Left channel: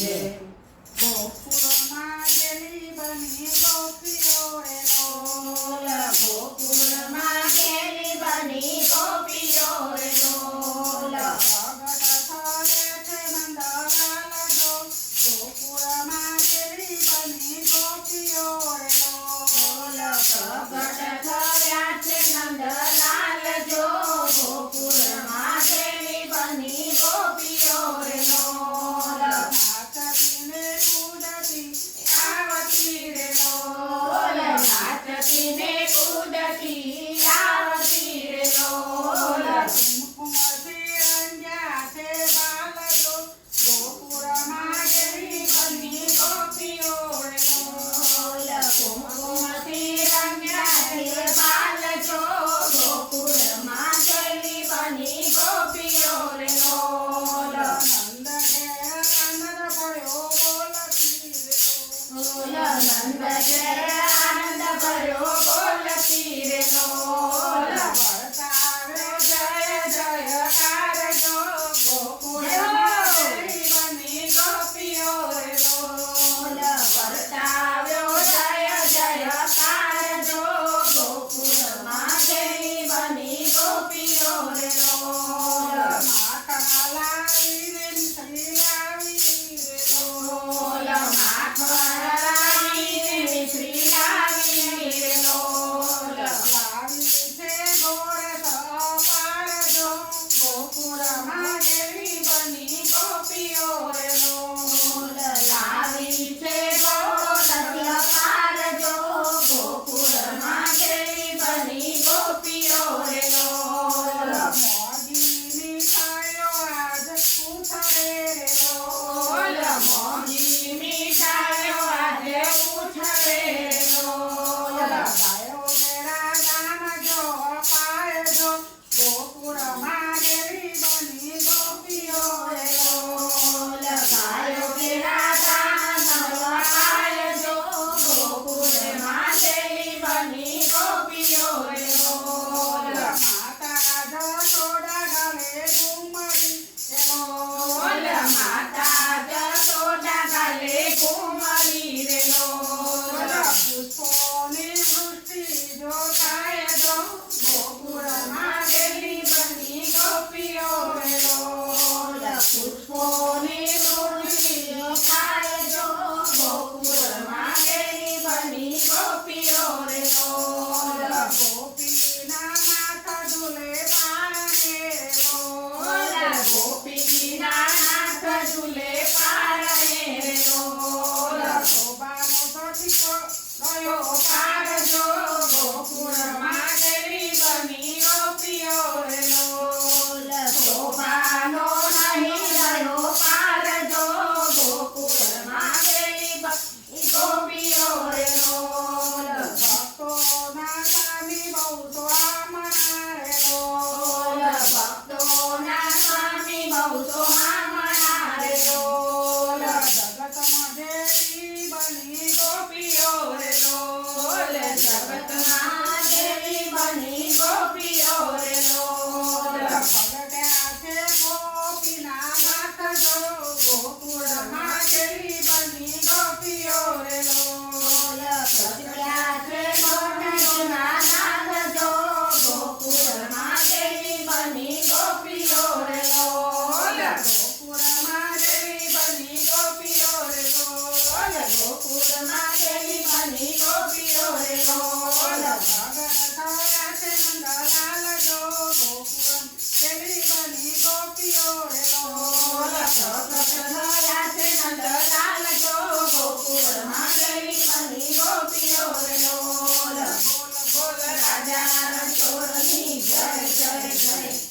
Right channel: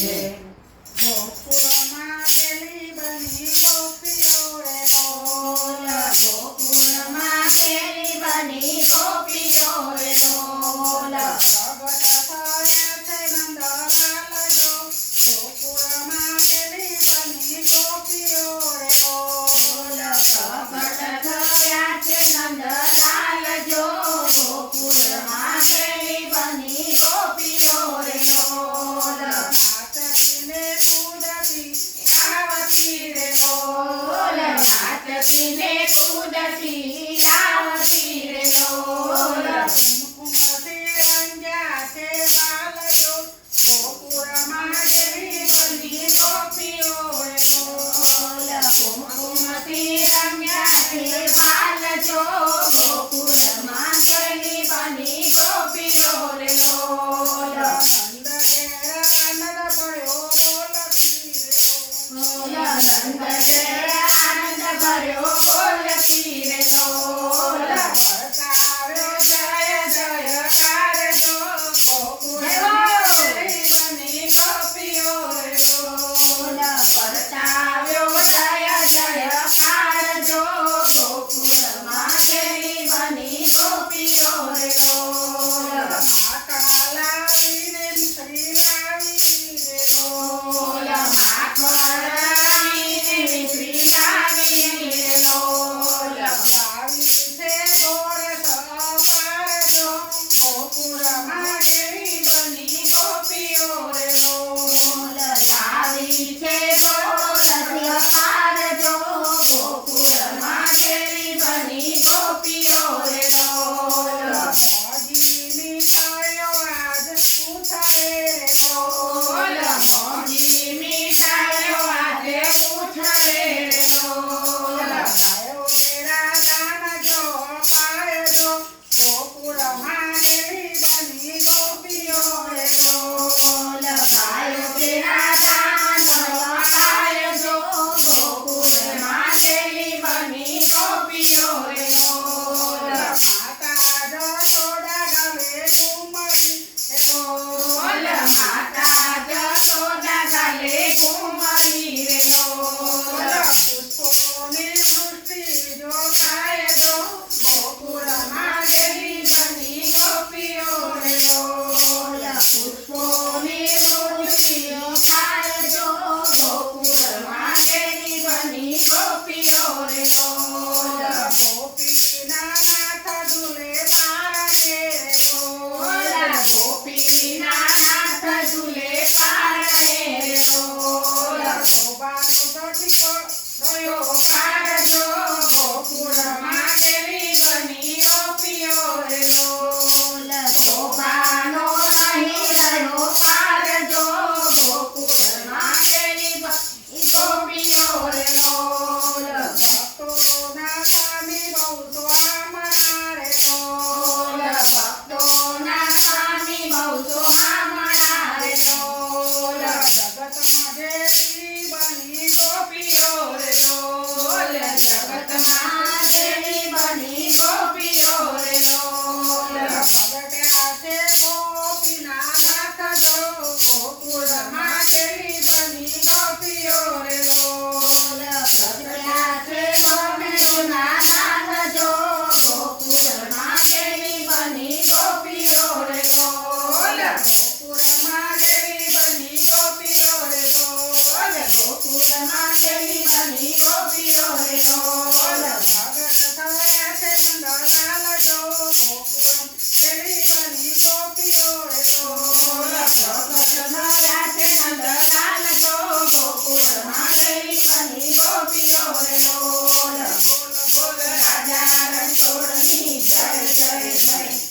છે ગોકુળમાં ગેલી બની ગોપીઓ રે લોલ ગોકુળમાં ગેલી બની ગોપીઓ રે લોલ પ્રગટ થયા છે નંદલાલ જો ગોકુળમાં ગેલી બની ગોપીઓ રે લોલ પ્રગટ થયા છે નંદલાલ જો ગોકુળમાં ગેલી બની ગોપીઓ રે લોલ નાચતી ને કૂદતી આવતી રે લોલ નાચતી ને કૂદતી આવતી રે લોલ કુમકુમથી રંગ્યા છે બાલ જો ગોકુળમાં ગેલી બની ગોપીઓ રે લોલ કુમકુમથી રમ્યા છે બાલ જો ગોકુળમાં ગેલી બની ગોપીઓ રે લોલ નંદ ઘેર આનંદ ભયો બોલતી રે લોલ નંદ ઘેર આનંદ ભર્યો બોલતી રે લોલ વર્તાવ્યો જય જયકાર જો ગોકુળમાં ગેલી બની ગોપીઓ રે લોલ વર્તાવ્યો જય જયકાર જો ગોકુળમાં ગેલી બની ગોપીઓ રે લોલ માખણ લાવીને શ્રી લાવી રે લોલ માખણ લાવીને મિશ્રી લાવી રે લોલ લાવી છે ગોળ સપાર જો ગોકુળમાં ગેલી બની ગોપીઓ રે લોલ લાવી છે ગોળ પાર જો ગોકુળમાં ગેલી બની ગોપીઓ રે લોલ મોગી મીઠાઈઓ આજ ઉછરે રે લોલ મોંઘી મીઠાઈઓ આજે ઉછળે રે લોલ ગાયો કેરા ગાન જો પાય જો ગોકુળમાં ગેલી બની ગોપીઓ રે લોલ ગાયો કેરા દાન અપાય જો ગોકુળમાં ગેલી બની ગોપીઓ રે લોલ માતા જશોદા ગાલે ઘુમડી રે લોલ માતા જશોદા ગાલે ઘુમરી રે લોલ પુષ્પોની વૃષ્ટિ જો થાય જો ગોકુળમાં ગેલી બની ગોપીઓ રે લોલ પુષ્પોની વૃષ્ટિઓ થાય જો ગોકુળમાં ગેલી બની ગોપીઓ રે લોલ ગોપીના નાથ ઝૂલે પારણે રે લોલ ગોપીના નાથ ઝૂલે પારણે રે લોલ શોભાનો સઠીકો ગયો પાડજો ગોકુળમાં ગેલી બની ગોપીઓ રે લોલ શોભાનો નહીં રહ્યો પાડજો ગોકુળમાં ગેલી બની ગોપીઓ રે લોલ ભક્તોના સ્વામી બહુ સ્વામણા રે લોલ ભક્તોના સ્વામી બહુ તો હામણા રે લોલ જગતમાં જેવી બની ગોપીઓ રે લોલ જગતમાં ગેલી બની ગોપીઓ રે લોલ પગટ્યા છે ગોપીના નાથ જો ગોકુળમાં ગેલી બની ગોપીઓ રે લોલ પ્રગટ્યા છે ગોપીઓના નાથ જો ગોકુળમાં ગેલી બની ગોપીઓ રે લોલ ગોકુળમાં ગેલી બની ગોપીઓ રે લોલ ગોકુળમાં ગેલી બની ગોપીઓ રે લોલ પ્રગટ થયા છે નંદલાલ જો ગોકુળમાં ગેલી બની ગોપીઓ રે લોલ પ્રગટ થયા છે નંદલાલ જો ગોકુળમાં ગેલી બની ગોપીઓ રે લોલ બોલ બોલ રાજા રણછોડની જય જય જય